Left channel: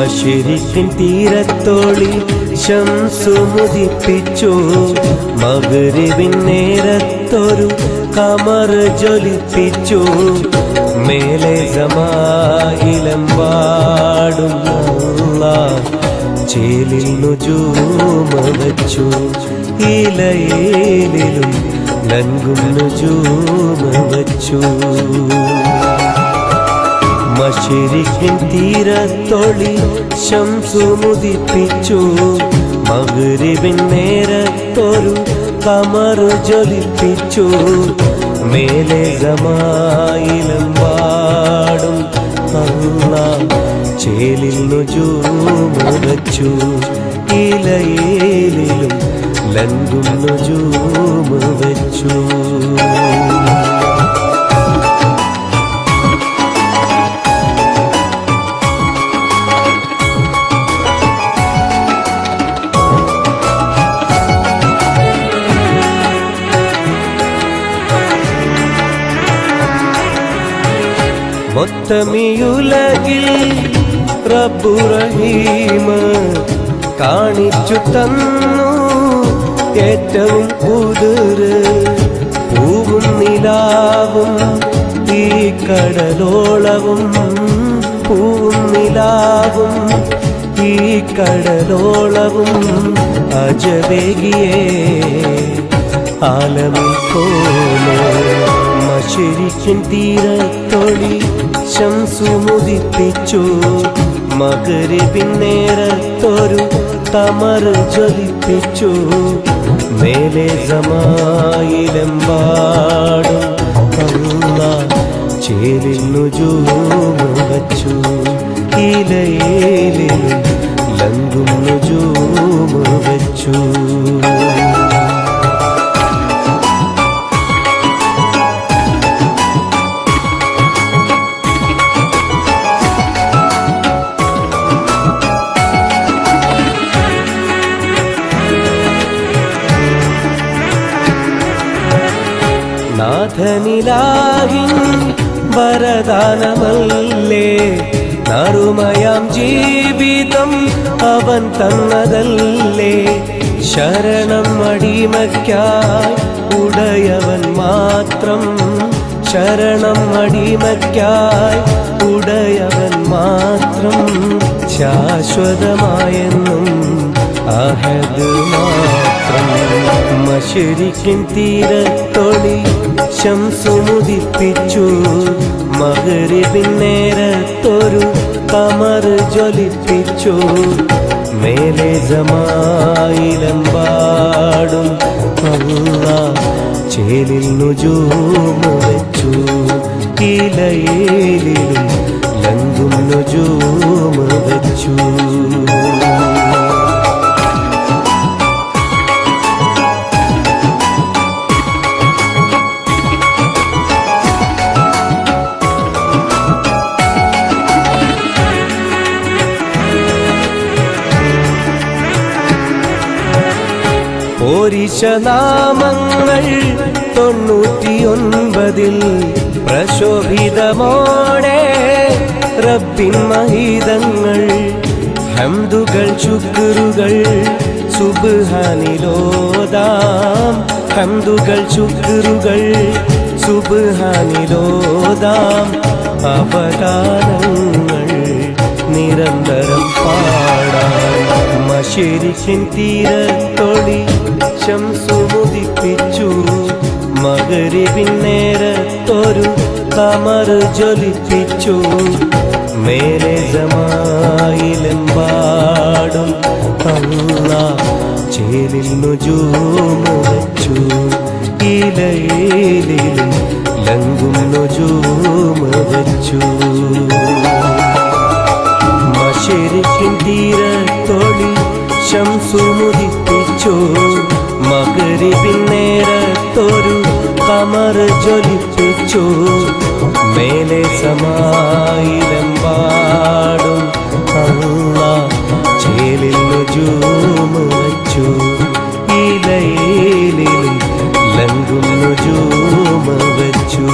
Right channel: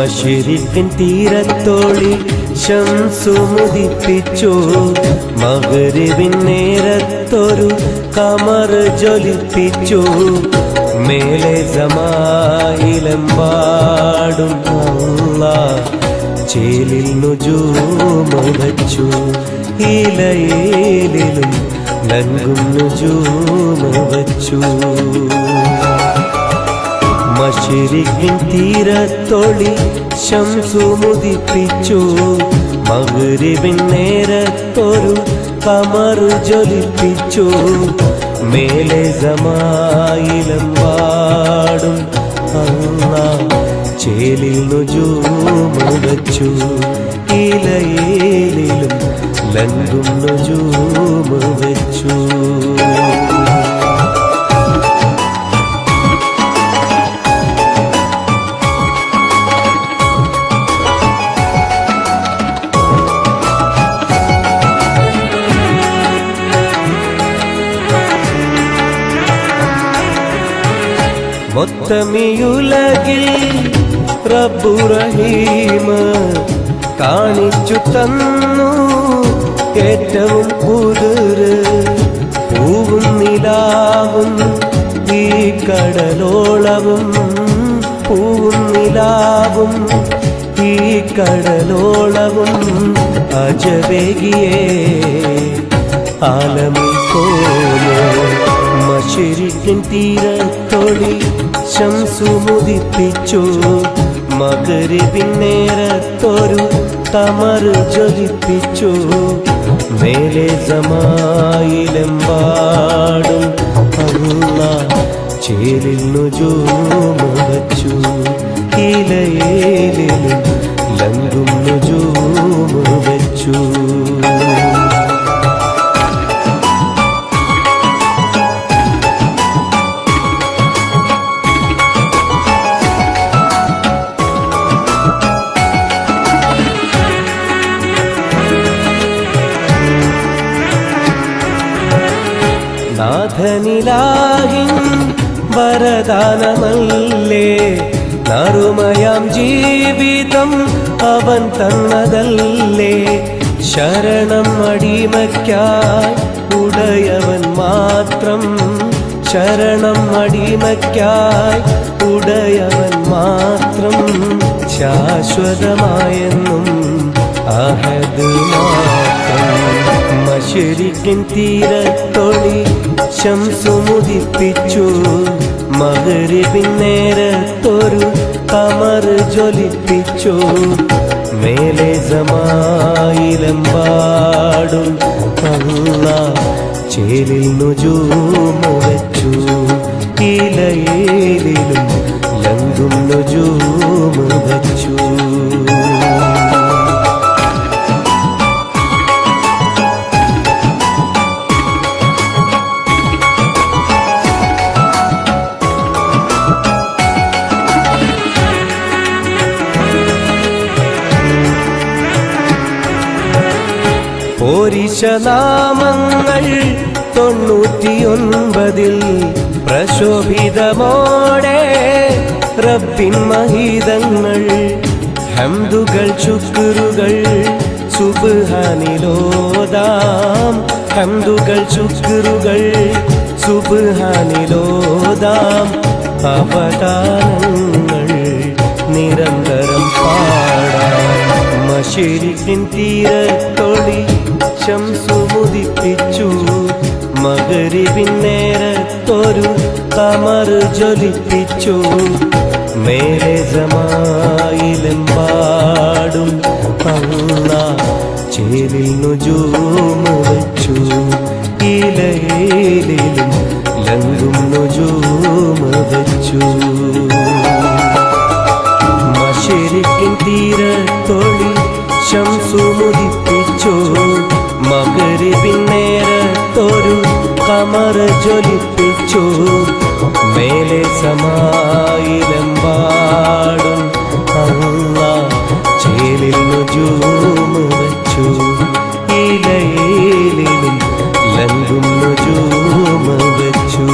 മശരിക്കിൻ തീരത്തോളി ശംസുമുദിപ്പിച്ചു. മഗ്‌രിബിൻ നേരത്തൊരു കമർ ജ്വലിപ്പിച്ചു. മേലെ സമായിലെമ്പാടും അല്ലാഹ് ചേലിൽ നുജൂമ വച്ചു. ഇലയിലും ലങ്കും നുജൂമ വച്ചു. മശരിക്കിൻ തീരത്തൊളി ശംസുമുദിപ്പിച്ചു. മഗ്‌രിബിൻ നേരത്തൊരു കമർ ജ്വലിപ്പിച്ചു. മേലെ സമായിലെമ്പാടും അല്ലാഹ് ചേലിൽ നുജൂമ വച്ചു. ഇലയിലും ലങ്കും നുജൂമ വച്ചു. മൊത്തമിയുലകിൽ റബ്ബു റഹീം കാണിച്ചു തന്നു ഏറ്റവും കുതിര്. പൂവും നിലാവും ഈ കടലോളവും. പൂവും നിലാവും ഈ കടലോളവും അജബേകിയേ ആലമിൽ കോന്. മശരിക്കിൻ തീരത്തൊളി ശംസുമുദിപ്പിച്ചു. മഗ്‌രിബിൻ നേരത്തൊരു കമർ ജ്വലിപ്പിച്ചു. മേലെ സമായിലെമ്പാടും അല്ലാഹ് ചേലിൽ നുജൂമ വച്ചു. ഇലയിലും ലങ്കും നുജൂമ വച്ചു. നാഥനിലാഹിൻ വരദാനമല്ലേ. നറുമയാം ജീവിതം അവൻ തന്നതല്ലേ. ശരണം അടിമയ്ക്കായി ഉടയവൻ മാത്രം. ശരണം അടിമയ്ക്കായി ഉടയവൻ മാത്രം. ശാശ്വതമായെന്നും അഹദ് മാത്രം. മശരിക്കിൻ തീരത്തൊളി ശംസുമുദിപ്പിച്ചു. മഗ്‌രിബിൻ നേരത്തൊരു കമർ ജ്വലിപ്പിച്ചു. മേലെ സമായിലെമ്പാടും അല്ലാഹ് ചേലിൽ നുജൂമ വച്ചു. ഇലയിലും ലങ്കും നുജൂമ വച്ചു. പോരിശനാമങ്ങൾ 99 പ്രശോഭിതമോടെ റബ്ബിൻ മഹീതങ്ങൾ. ഹംദുകൾ ശുക്റുകൾ സുബ്ഹാനിലോദാം. ഹംദുകൾ ശുക്റുകൾ സുബ്ഹാനിലോദാം. അവദാനങ്ങൾ നിരന്തരം പാടാം. മശരിക്കിൻ തീരത്തൊളി ശംസുമുദിപ്പിച്ചു. മഗ്‌രിബിൻ നേരത്തൊരു കമർ ജ്വലിപ്പിച്ചു. മേലെ സമായിലെമ്പാടും അല്ലാഹ് ചേലിൽ നുജൂമ വച്ചു. ഇലയിലും ലങ്കും നുജൂമ വച്ചു. മശരിക്കിൻ തീരത്തൊളി ശംസുമുദിപ്പിച്ചു. മഗ്‌രിബിൻ നേരത്തൊരു കമർ ജ്വലിപ്പിച്ചു. മേലെ സമായിലെമ്പാടും അല്ലാഹ് ചേലിൽ നുജൂമ വച്ചു. ഇലയിലും ലങ്കും നുജൂമ വച്ചു.